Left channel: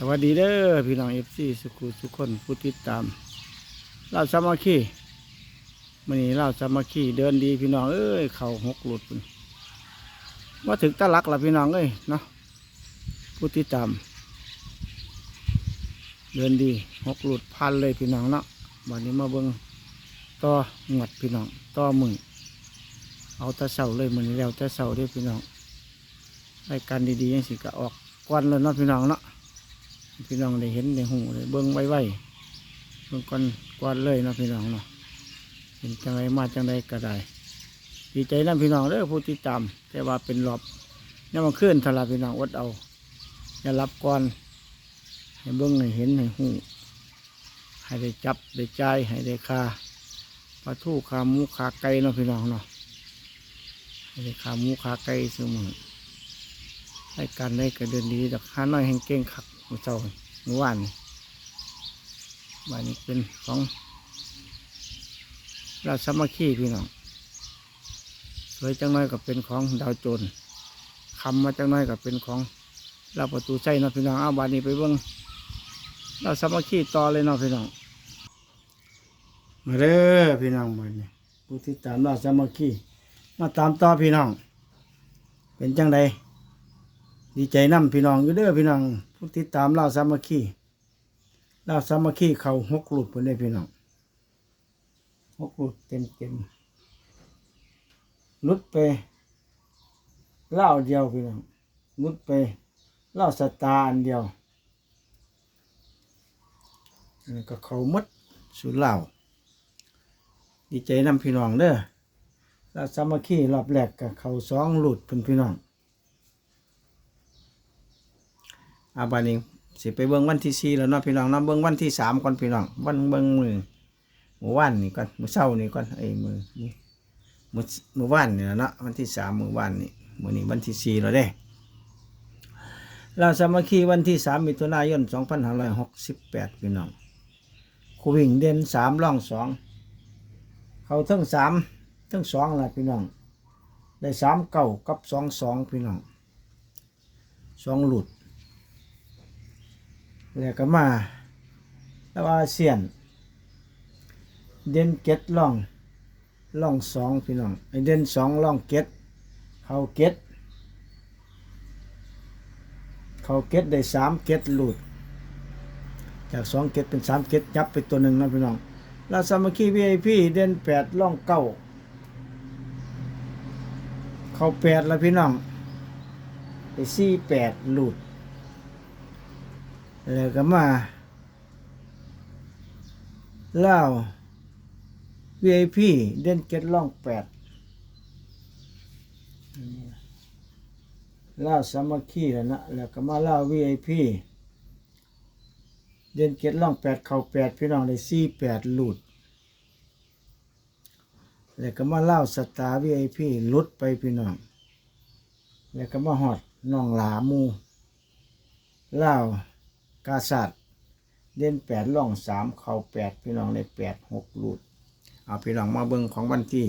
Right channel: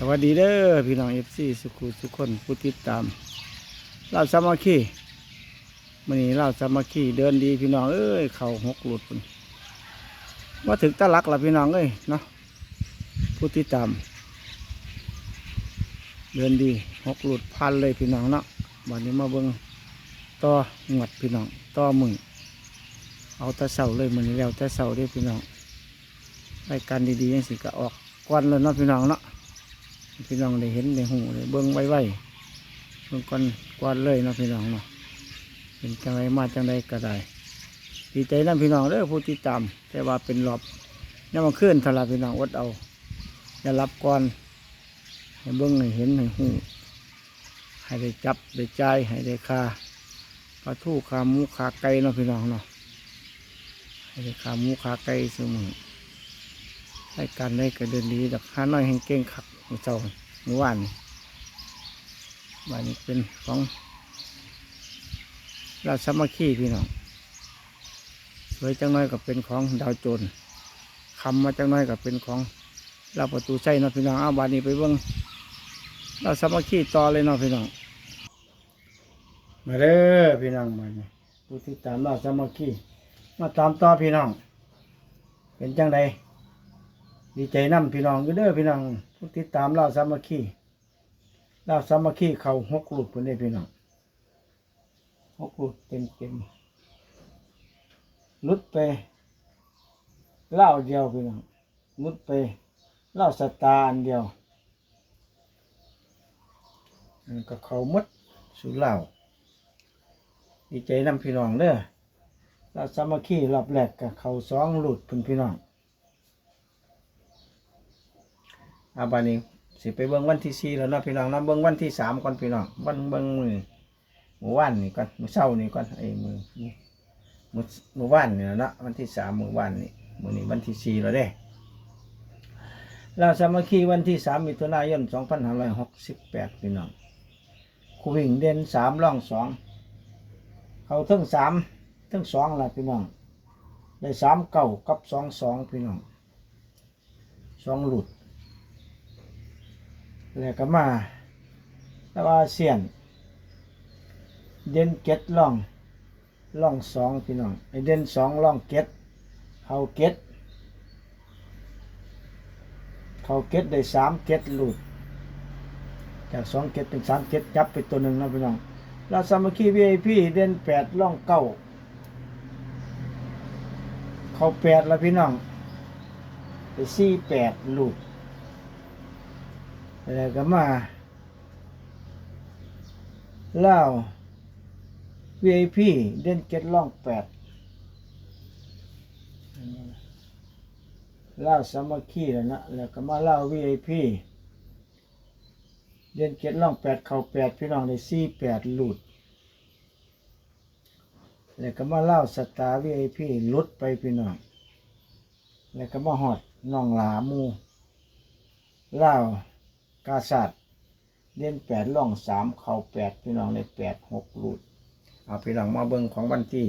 สวัสดีเด้อพี่น้องเอฟซีสุขุสุขคนผู้ติดตามเราสามัคคีมันนี้เราสามัคคีเดินดีพี่น้องเอ้ยเข่าหกหลุดพุ่นว่าถึงตะลักละพี่น้องเอ้ยเนาะผู้ติดตาม เดินดีหกหลุดพันเลยพี่น้องเนาะวันนี้มาเบิ่งต่อหงวดพี่น้องต่อมือเอาตะเสาเลยมันนี้แล้วตะเสาเด้อพี่น้องรายการดีๆยังสิก็ออกก่อนเลยเนาะพี่น้องเนาะ พี่น้องได้เห็นได้หูได้เบิ้งไว้ไว้เบิ้งก่อนก่อนเลยนะพี่น้องเนาะเป็นจังไรมาจังไรก็ได้ดีใจนะพี่น้องเด้อผู้ติดตาม แต่ว่าเป็นรอบนี่มันขึ้นทลาพี่น้องอดเอาอย่ารับก่อนให้เบิ้งให้เห็นให้หูให้ได้จับได้ใจให้ได้คาปลาทูขาหมูขาไก่เนาะพี่น้องเนาะให้ได้ขาหมูขาไก่เสมอให้การได้ก็เดินดีดักห้าน้อยแห่งเก่งขัก มื่อเช้าเมื่อวานนี่บ้านนี้เป็นของราชสมัคคีพี่น้องสวยจังน้อยก็เป็นของดาวโจรคำมาจังน้อยก็เป็นของเราประตูใส่นะพี่น้องเอาบ้านนี้ไปเบิ้งเราสามัคคีต่อเลยเนาะพี่น้อง มาเด้อพี่น้องบ้านนี้ผู้ที่ตามเราสามัคคีมาตามต่อพี่น้อง เป็นจังใดดีใจนํพี่น้องอยู่เด้อพี่น้อง ผู้ติดตามเราสามัคคีเราสามัคคีเขาหกหลุดเพิ่นได้พี่น้องหกหลุดเต็มเต็มลุดไปเล่าเดียวพี่น้องลุดไปเล่าสตาร์อันเดียวก็เขาหมดสุดเล่าดีใจนํพี่น้องเด้อเราสามัคคีรอบแรกกับเขาสองหลุดเพิ่นพี่น้อง อาบานี้สิไปเบิ่งวันที่สี่แล้วเนาะพี่น้องเนาะเบิ่งวันที่สามก่อนพี่น้องวันเบิ่งมือเมื่อวานนี่ก่อนมือเช้านี่ก่อนไอ้มือมือมือวานนี่ล่ะเนาะวันที่สามมือวานนี่มือนี้วันที่สี่แล้วเด้ลาสามัคคีวันที่สามมิถุนายนสองพันห้าร้อยหกสิบแปดพี่น้องคูวิ่งเด่นสามล่องสองเขาทั้งสามทั้งสองละพี่น้องได้สามเก้ากับสองสองพี่น้องสองหลุด แล้วก็มาแล้วอาเซียน เด่นเก็ดล่องล่องสองพี่น้องไอเด่นสองล่องเก็ดเขาเก็ดเขาเก็ดได้สามเก็ดหลุด จากสองเก็ดเป็นสามเก็ดจับไปตัวหนึ่งนะพี่น้องลาสามัคคีวีไอพีเด่นแปดล่องเก้าเขาแปดแล้วพี่น้องไปสี่แปดหลุด แล้วก็มาเล่า VIP เด่นเก็ดล่องแปดเล่าสามัคคีแล้วนะแล้วก็มาเล่า VIP เด่นเก็ดล่องแปดเข่าแปดพี่น้องได้สี่แปดหลุด แล้วก็มาเล่าสตาร์ VIP หลุดไปพี่น้องแล้วก็มาหอดน้องหลามูเล่า กาสัตเด่นแปดล่องสามเข่าแปดพี่น้องในแปดหกรูดเอาพี่น้องมาเบิ่งของวันที่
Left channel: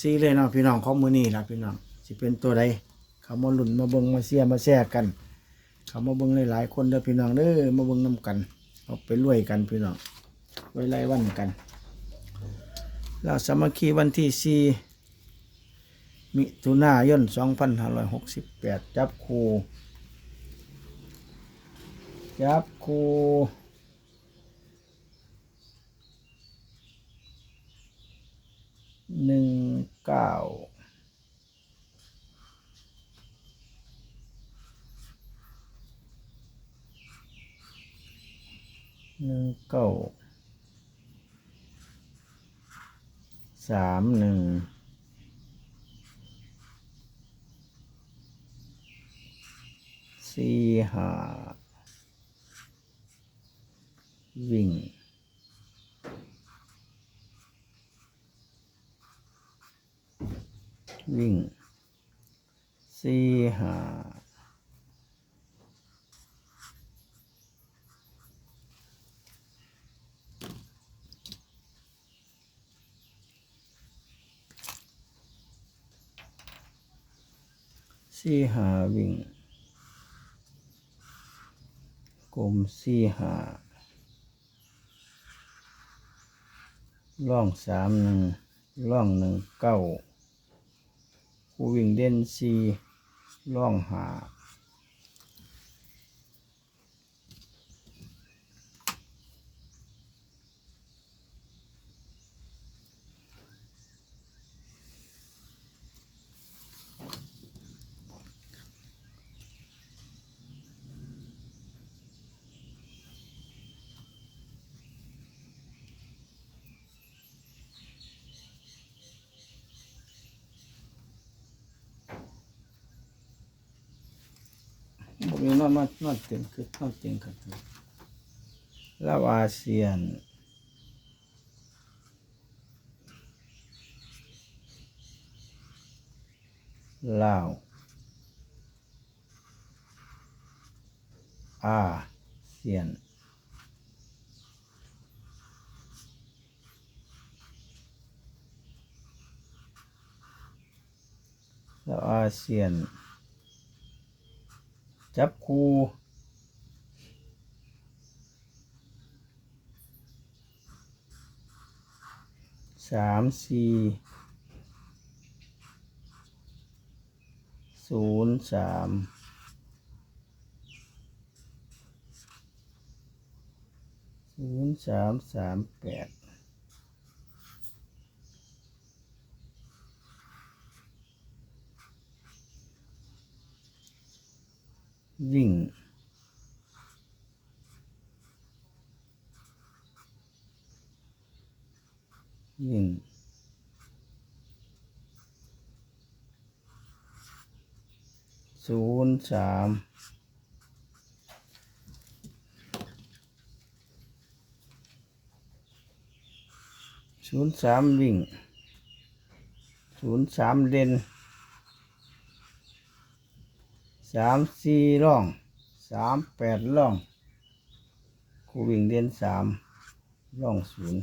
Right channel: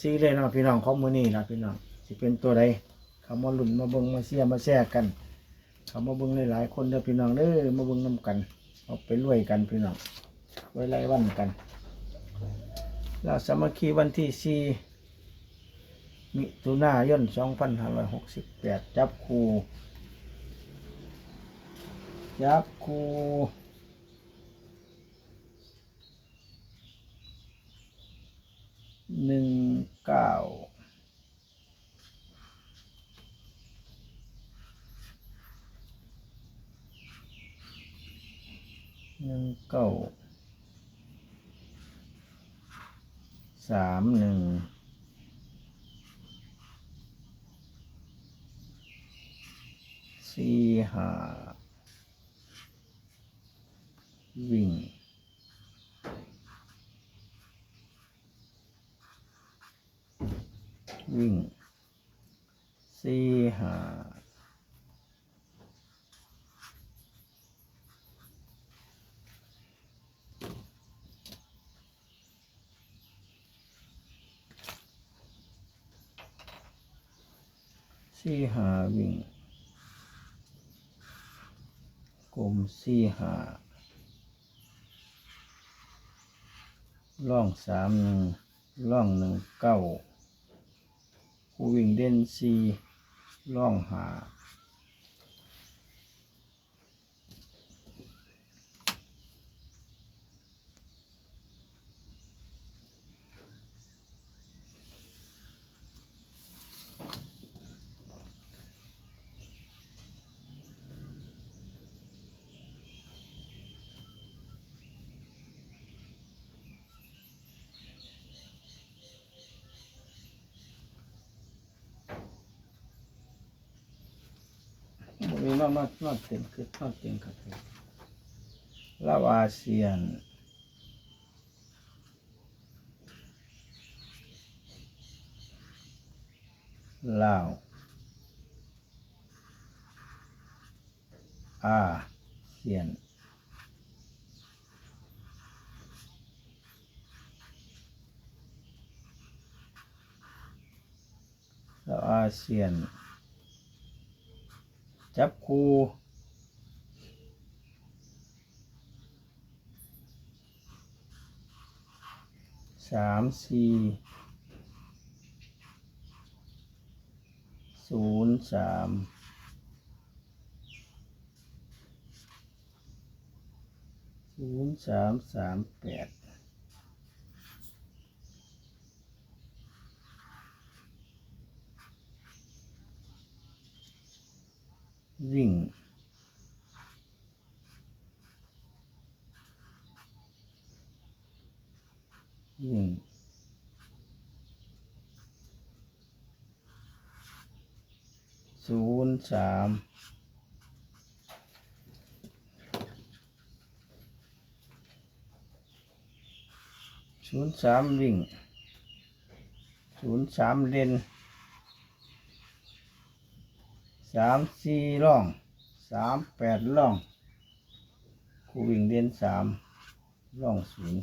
สี่เลยเนาะพี่น้องของมือนี่ละพี่น้องสิเป็นตัวใดเขามาหลุนมาเบิ่งมาเสียมาแซ่กัน เขามาเบิ่งหลายๆคนเด้อพี่น้องเด้อมาเบิ่งน้กัน เอาไปรวยกันพี่น้องไว้ไล่วันกันเราสามัคคีวันที่สี่มิถุนายนสองพันห้าร้อยหกสิบแปดจับคู่ ยับครูหนึ่งเก้าหนึ่งเก้าสามหนึ่งสี่ห้า วิ่ง วิ่งสี่หาสี่หาวิ่งกลมสี่หา ล่องสามหนึ่งล่องหนึ่งเก้าคูวิ่งเด่นสี่ล่องหา บ่มีนอนนอนนอนเต็มคือนอนเต็มครับลาวอาเซียนลาวอาเซียนลาวอาเซียน จับคูสามสี่ศูนย์สามศูนย์สามสามแปด วิ่ง วิ่ง ศูนย์สามศูนย์สามวิ่งศูนย์สามเด่น สามสี่ร่องสามแปดร่องคูวิ่งเด่นสามร่องศูนย์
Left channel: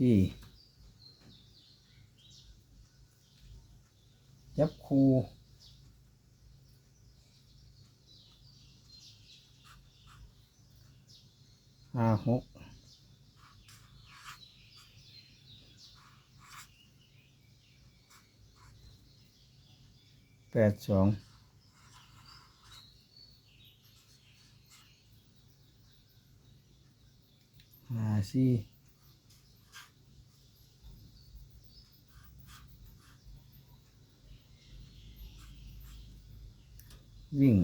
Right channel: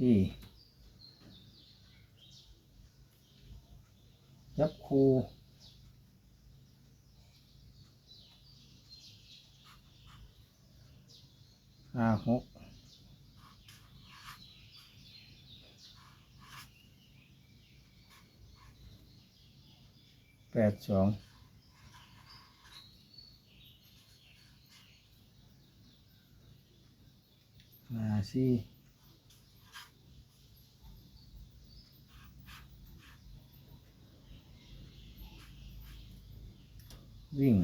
มัคคีสามัคคีดีไอพี่ ยับคูห้าหกแปดสองห้าสี่ วิ่ง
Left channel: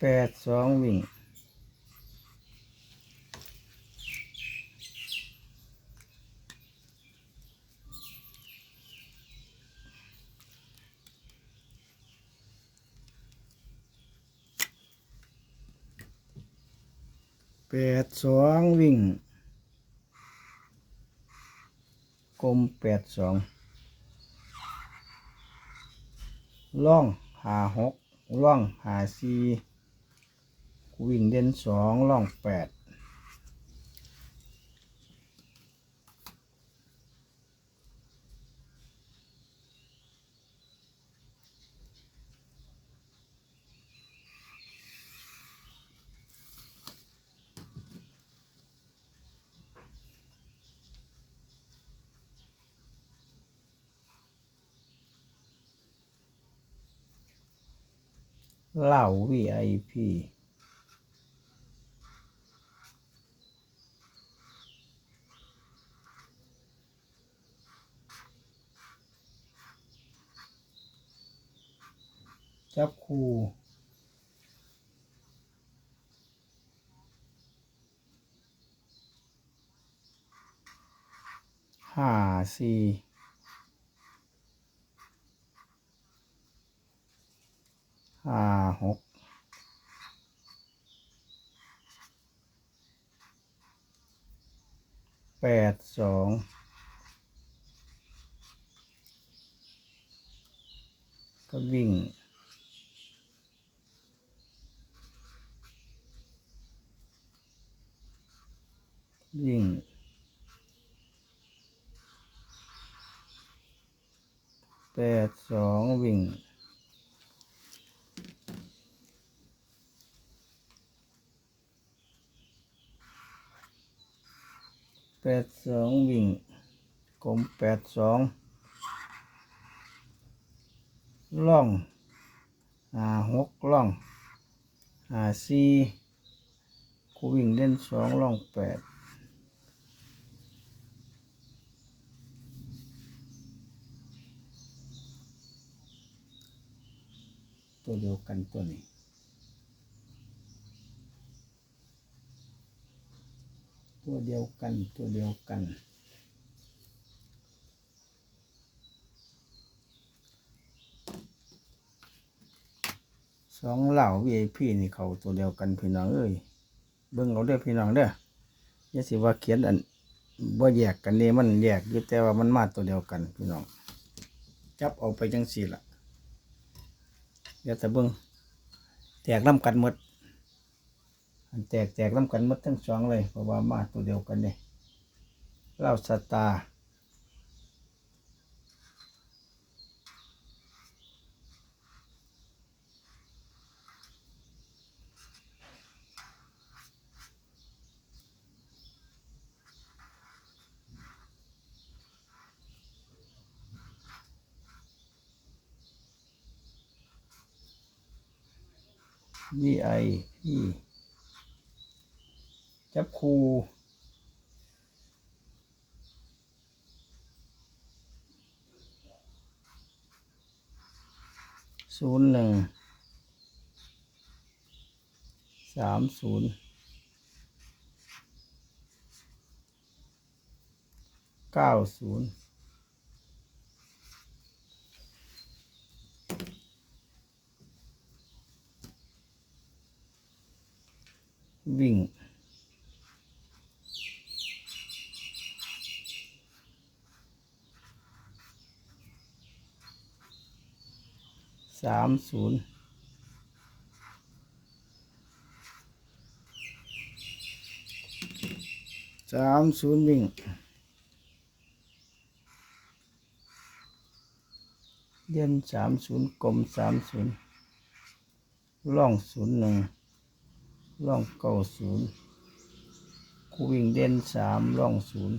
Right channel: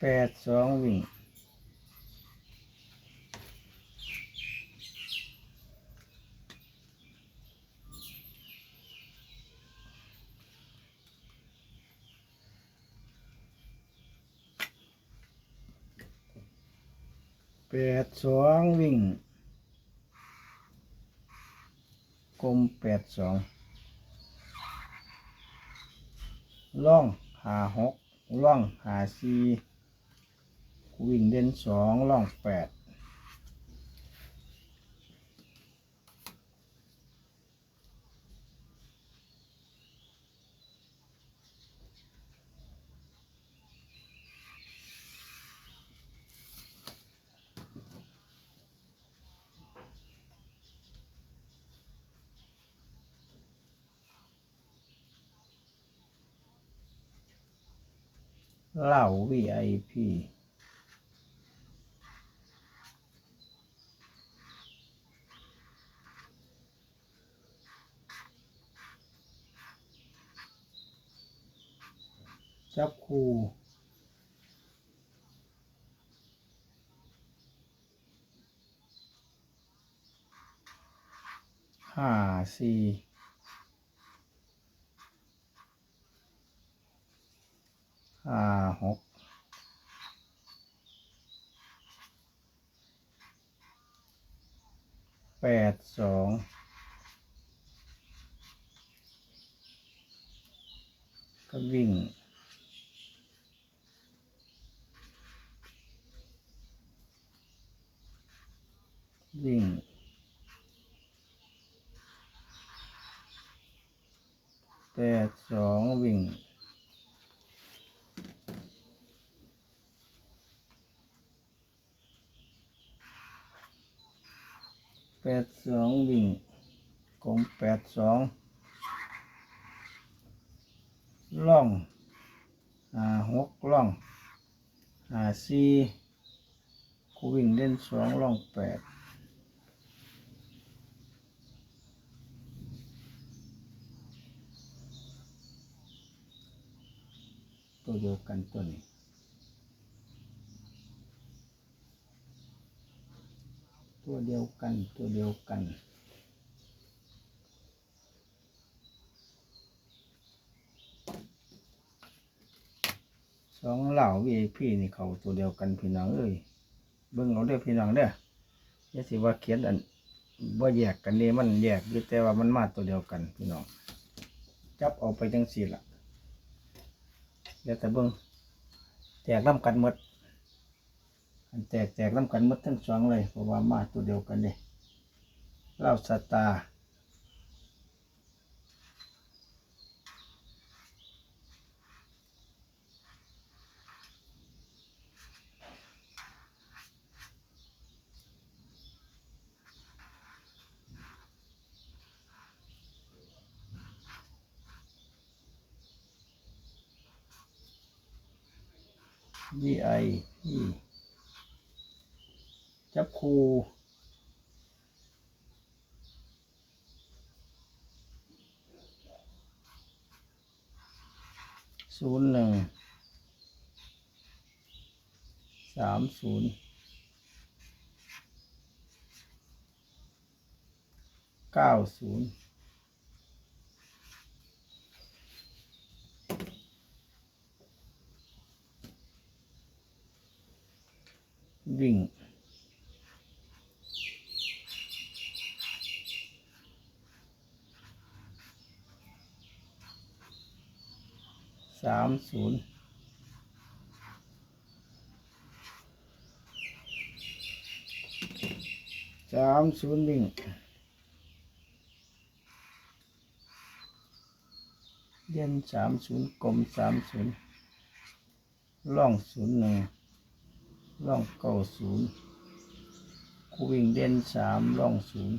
แปดสองวิ่ง แปดสองวิ่ง กลมแปดสองล่องหาหกล่องหาสี่วิ่งเด่นสองล่องแปด เหล่า VIP จับคู่ห้าสี่ ห้าหกแปดสองก็วิ่งวิ่งแปดสองวิ่ง แปดสองวิ่งกลมแปดสองล่องหาหกล่องหาสี่กูวิ่งเล่นสองล่องแปดตัวเดียวกันตัวนี้ ตัวเดียวกันตัวเดียวกัน สองเหล่า VIP นี่เขาตัวเดียวกันพี่น้องเอ้ยเบิ่งเอาเด้อพี่น้องเด้ออย่าสิว่าเขียนอันบ่แยกกันนี่มันแยกอยู่แต่ว่ามันมาตัวเดียวกันพี่น้อง จับเอาไปจังสี่ละเดี๋ยวแต่เบิ่งแตกน้ำกันหมด แตกแตกน้ำกันมดทั้งสองเลยเพราะว่ามาตัวเดียวกันเลยเล่าสตาร์วีไอพี่ คูศูนย์หนึ่งสามศูนย์เก้าศูนย์วิ่ง สาม ศูนย์สามศูนย์วิ่งเด่นสามศูนย์กลมสามศูนย์ล่องศูนย์หนึ่งล่องเก้าศูนย์คูวิ่งเด่นสามล่องศูนย์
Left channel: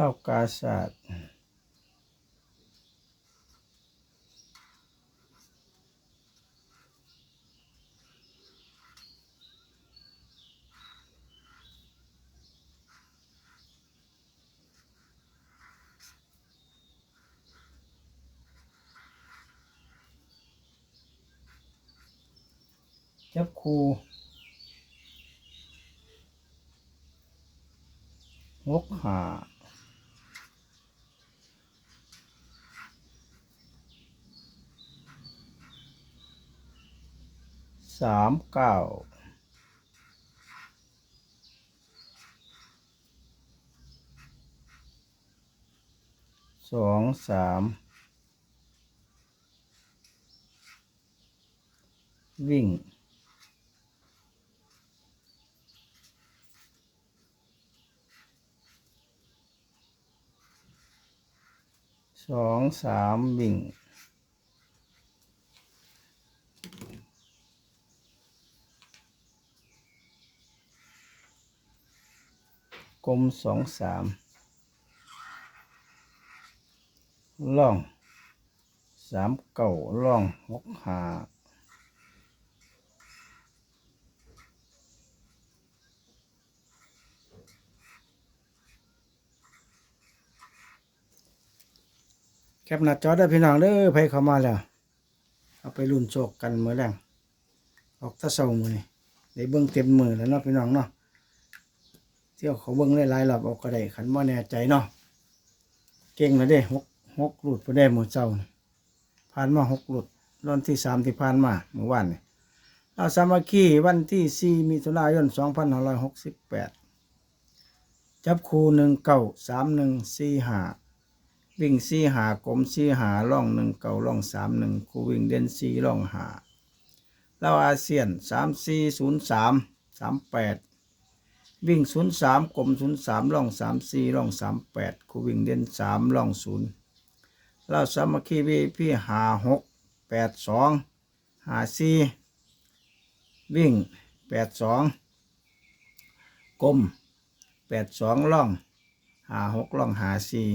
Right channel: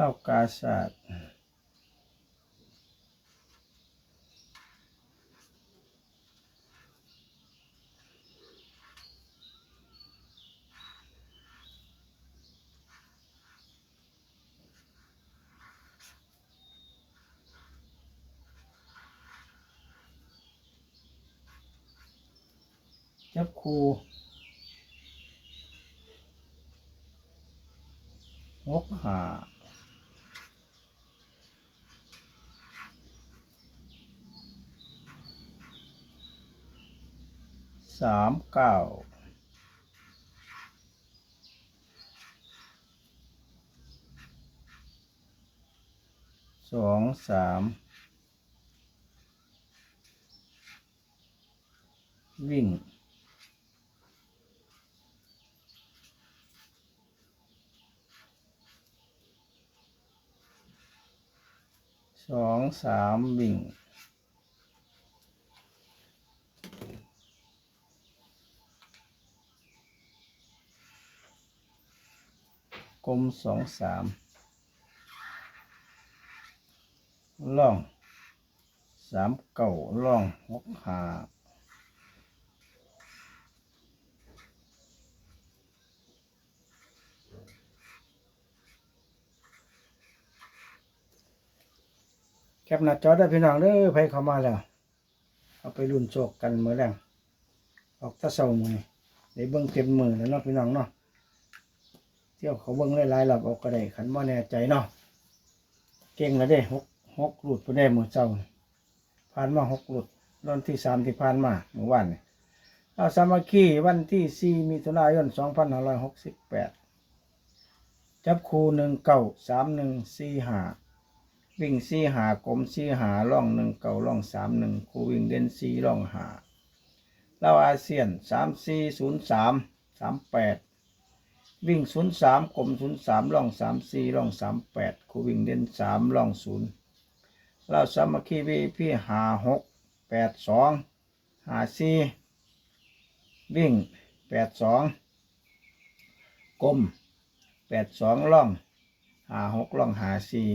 เล่ากาศาสตร์จับคูหกหา สามเก้าสองสามวิ่งสองสามวิ่ง กลมสองสามล่องสามเก่าล่องหกหาแคปหน้าจอได้พี่น้องเด้อไปเข้ามาแล้ว เอาไปรุ่นโชคกันเมื่อแรงออกตะเสามือนี่ได้เบื้องเต็มมือแล้วเนาะพี่น้องเนาะ เที่ยวเขาเบิ้งหลายๆรอบออกก็ได้ขันบ่แน่ใจเนาะเก่งแล้วเด้หกหกหลุดไปได้หมดเจ้าผ่านมาหกหลุดรอนที่สามที่ผ่านมาเมื่อวานนี่เราสามัคคีวันที่สี่มิถุนายนสองพันห้าร้อยหกสิบแปดจับคูหนึ่งเก้าสามหนึ่งสี่หาวิ่งสี่หากลมสี่หาล่องหนึ่งเก่าล่องสามหนึ่งคูวิ่งเด่นสี่ล่องหาเล่าอาเซียนสามสี่ศูนย์สามสามแปด วิ่งศูนย์สามกลมศูนย์สามล่องสามสี่ล่องสามแปดคูวิ่งเด่นสามล่องศูนย์เล่าสามัคคีวีพี่หาหกแปดสองหาสี่วิ่งแปดสองกลมแปดสองล่องหาหกล่องหาสี่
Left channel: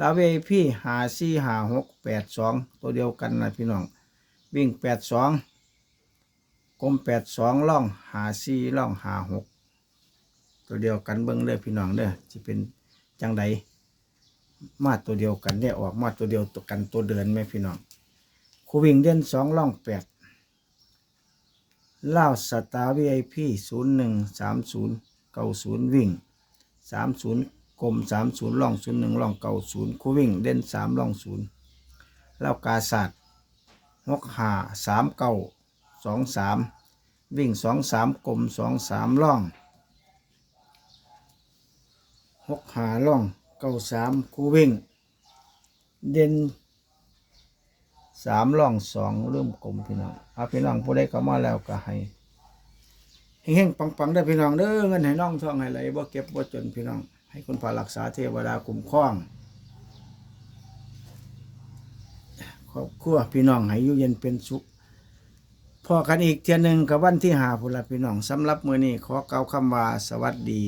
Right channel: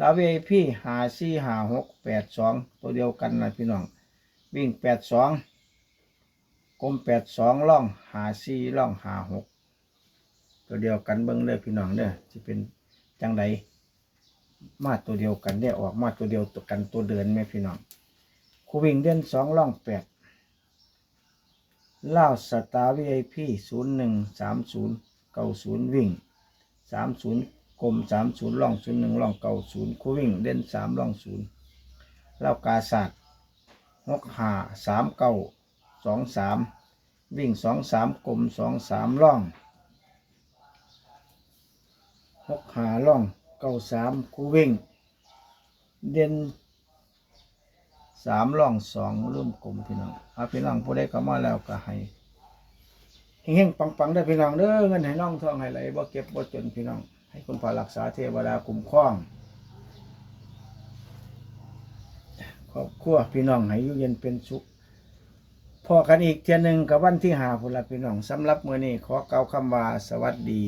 ลาเวพี่หาสี่หาหกแปดสองตัวเดียวกันนะพี่น้อง วิ่งแปดสองกลมแปดสองล่องหาสี่ล่องหาหก ตัวเดียวกันเบิ้งเลยพี่น้องเด้อจะเป็นจังใดมาตัวเดียวกันได้ออกมาตัวเดียวตัวกันตัวเดินไหมพี่น้องคูวิ่งเด่นสองล่องแปดล่าสตาร์วีไอพีศูนย์หนึ่งสามศูนย์เก้าศูนย์วิ่งสามศูนย์กลมสามศูนย์ล่องศูนย์หนึ่งล่องเก่าศูนย์คู่วิ่งเด่นสามล่องศูนย์แล้วกาศาสตร์หกหาสามเก้าสองสามวิ่งสองสามกลมสองสามล่อง หกหาล่องเก้าสามคูวิ่ง เด่นสามล่องสองเริ่มกลมพี่น้องอาพี่น้องผู้ใดเข้ามาแล้วก็ให้เฮงๆปังๆได้พี่น้องเด้อเงินให้น้องทองให้ไหลบ่เก็บบ่จนพี่น้อง ให้คุณพารักษาเทวดาคุ้มครองครอบครัวพี่น้องให้อยู่เย็นเป็นสุขพอกันอีกเทียหนึงกับวันที่หาพุละพี่น้องสำหรับมือนี้ขอเกล่าวคำว่าสวัสดี